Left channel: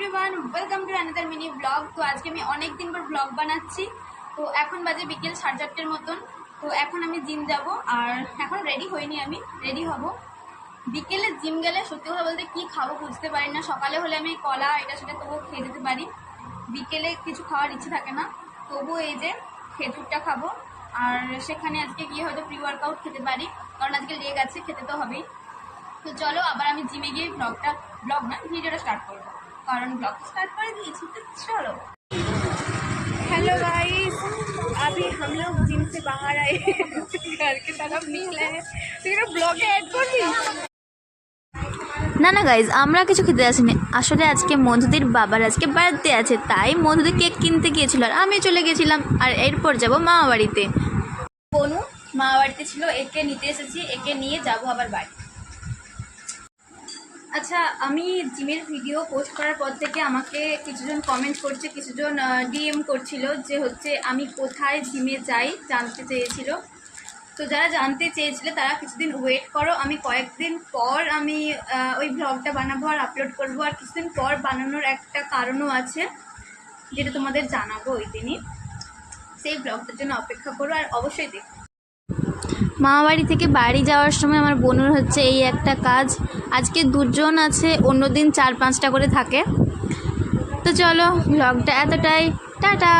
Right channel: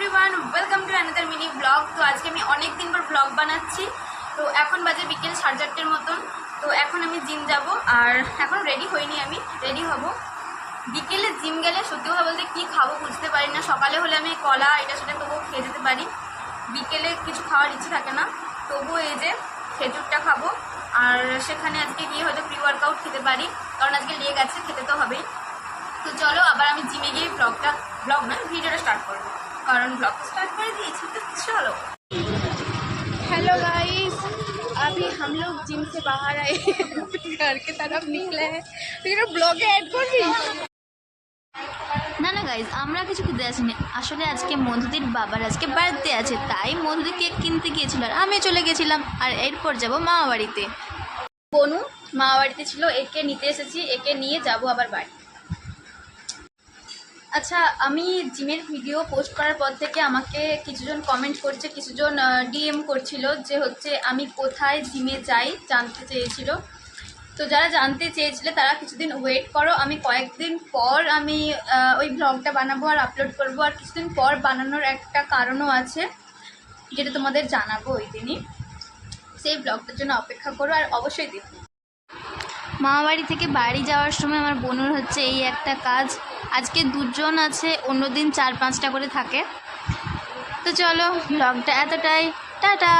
Everyone, welcome to another mini blog. তো আজকে আমি অনেক দিন পর ব্লগ বানাচ্ছি। তো এখন বাজে বিকেল 4:30 মতন। তো এখন আমি জিম যাব, আর এখন রেডি হইনি, আমি রেডি হব। বিকেলে জিম গেলে সত্যি কথা বলতে কী খাবো বুঝতে পারি না। সকালে হলে আমি কলা এটা সেটা তবুও খেয়ে যেতে পারি, বিকেলে কিছু খাওয়ার ইচ্ছে থাকে না। তবুও এই যে খেজুরটা খাবো, আর সেখানে আজকে গিয়ে হয়তো প্রি ওয়ার্কআউট খেতে পারি, কারণ আজকে লেগ আছে, খেতে তো হবেই। তো চলো আবার আমি জিমে গিয়ে ভিডিওটা স্টার্ট করবো, কারণ ब्लॉग स्टार्ट कर दिए तो चलो। हेलो गाइस, अभी हम लोग जिम से बाहर आए घर की तरफ निकले हैं, तो ये ब्लॉग ऐड कर दिया। না গাইজ, আমরা কিছু খেতে আসিনি। আসলে আজকে মধুদির বাবার আজকে বার্থডে আছে, তাই মধুদি কেক কিনতে গিয়েছিল আর আমি চলে গেছিলাম। আর এরপর যাব মামা বাড়িতে। বনু মামা বাড়িতে ছিল, একে নিতে এসেছি, একে নিয়ে যাব আবার বাড়ি। আচ্ছা, আমি জিমের ভিডিও পোস্ট করার পর থেকে আমাকে কিছুজন কমেন্ট করছে, কিছুজন ডিএম করছিল যে হচ্ছে আমি কোথায় জিমে যাই জানতে চেয়েছিল। তো যারা জানতে চেয়েছিলে তারা কিছুদিন ওয়েট করো, আমি কয়েকদিন পর আমি ওই ব্লগটা বানাবো আর আপলোড করব। আর কিছুদিন পর বানানোর একটা কারণও আছে, যেটা তোমাদের জানাবো ওই দিনই। সেই ব্লগটার জন্য অপেক্ষা করো আর অবশ্যই দেখো। মামা বাড়ি থেকে বাড়ি যাওয়ার সময় আমার বোনের হচ্ছে এই একটা কাজ। আজকে দুজন আছে, অন্যদিন 4-5টা করে থাকে। তো চলো, ব্লগটা এতটাই, টাটা।